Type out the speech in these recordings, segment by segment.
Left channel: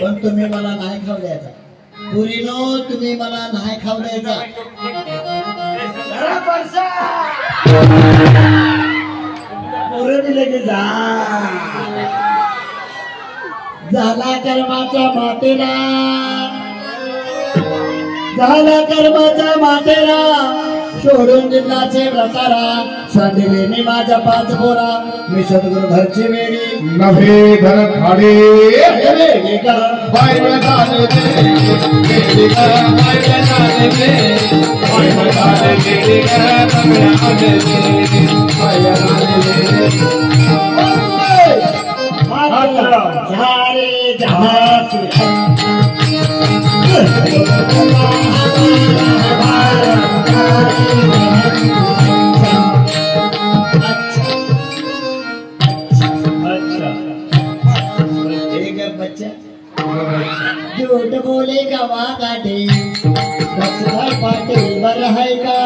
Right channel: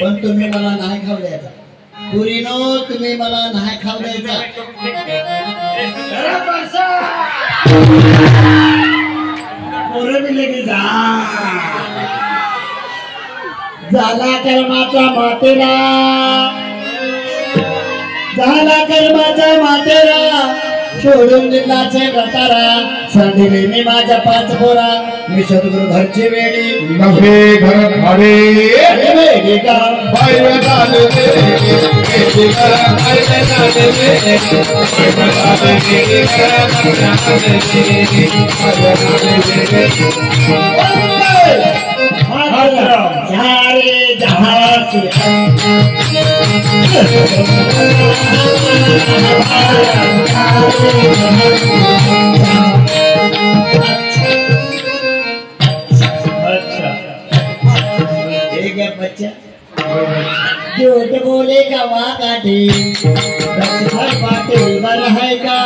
पण तुम्ही मला नाही खाऊ द्यायचा पुरीनो, तुम्ही मला नाही खाऊ द्यायचा। झाला कर्माचा मातेरा, झाला कर्माचा मातेरा, सोडून दिलाचे व्रतारा, सांडिले मी माझ्या 5 पोरा, मी सद्गुरु घरची वेडी नभे घर भाडे वेडी का बायबल चालते वेडी करा बायबल चालते बायबल चालते वेडी करा चांगल्या आले हरे जहाज झूठ बोले का वाकाटे पाटे बरं है का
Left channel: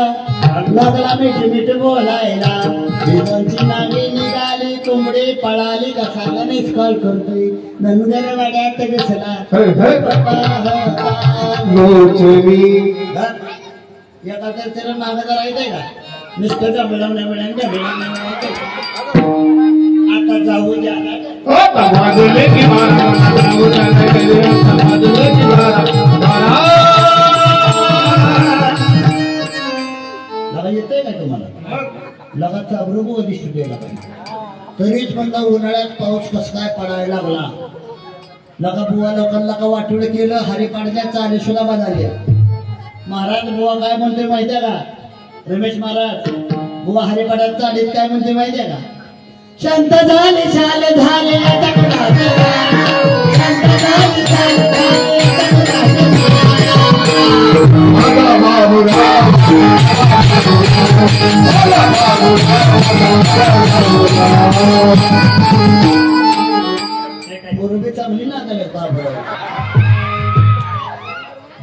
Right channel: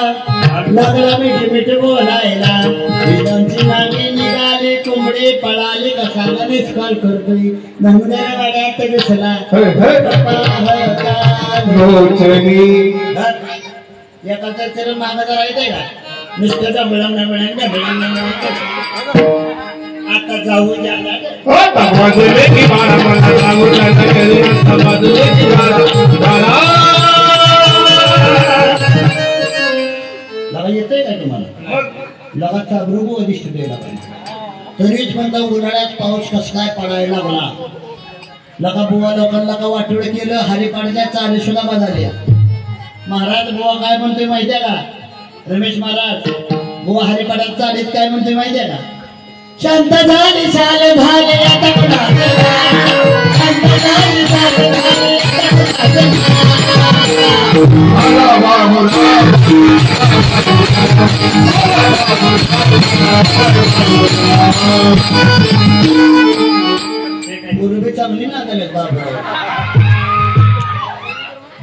लगला मिठ बोलायला विनंती मागे निघाली कोंबडी पळाली का सांगा कॉल करतोय नमुनेर वाड्यात दिसला एका चरण मागं जरा येते का नुसतं डबळम आता जाऊ जाणार बाजूले की मारा मारा लागू जाता कधी रस्ता बाजूले की मारा मारा लगा येतंय का तुम्हाला लगाचा अभ्रुग दिसतो गेला तरीच म्हणता उन्हाळ्यात पाऊस कसा काय पडायला लागला लगा बुवा लोकांना का वाटोळ केलं हरिपाडच्या चाली सुद्धा बदलल्या महाराज बुवा काय म्हणतोय माहितीये का रमेश महाराज बुवा हरिपाड्यात चालीत काय म्हणतोय माहितीये का शांत झाली शाल झाले आता कुणाचे शांत झाली शाल झाले आता पूर्वी चांगली ना बाबा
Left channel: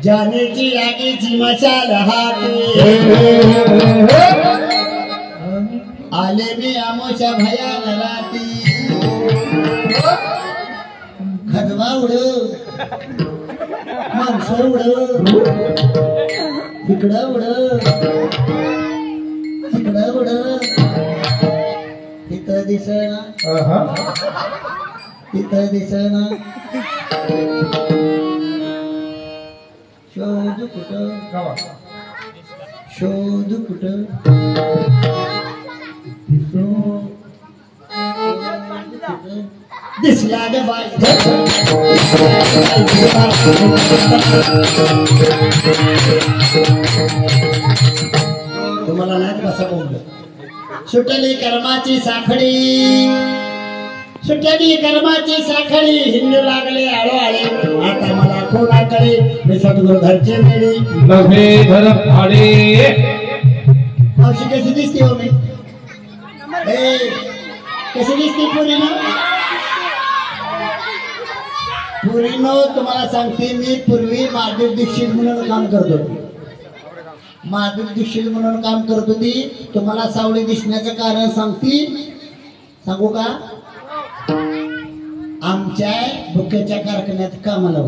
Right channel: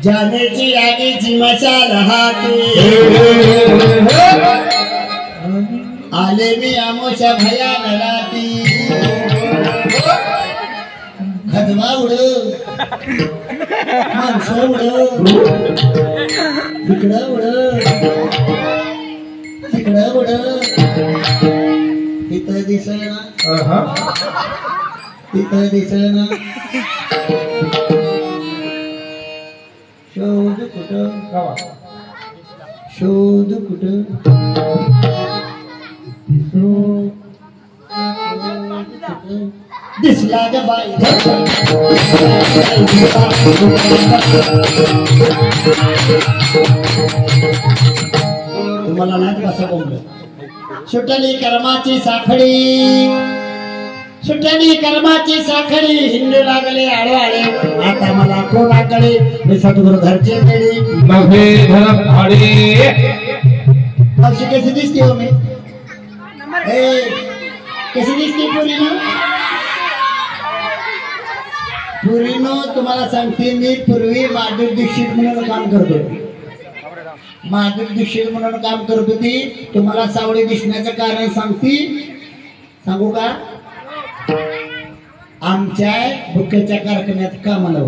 जानेची यादीची मशाल हाती आले मी आमोशा भयान राती खजवा उड माणसं उड तिकडं उड तिकडं उड तिथं दिसना तिथं दिसना शोध कुठं शोध कुठं दिसला ग बाई तुम्हाला नाही कसं बोललो सुटली कर्माची साखळी सुटली कर्माची साखळी हिंदू लागले आळे आळे आता मला कोणाकडे मी सद्गुरु घरचे मेली नभे घर भाडे अशी कशी दिसते हो मी कशी दिसते पुरीनो तुम्हाला सांगते मी पूर्वी माधुरी दीक्षित म्हणून काम करतो माधुरी दीक्षित म्हणून काम करत होती तुम्हाला सावळी दिसण्याचं कारण सांगू का आमच्या बुक्याच्या कारखान्यात कामाला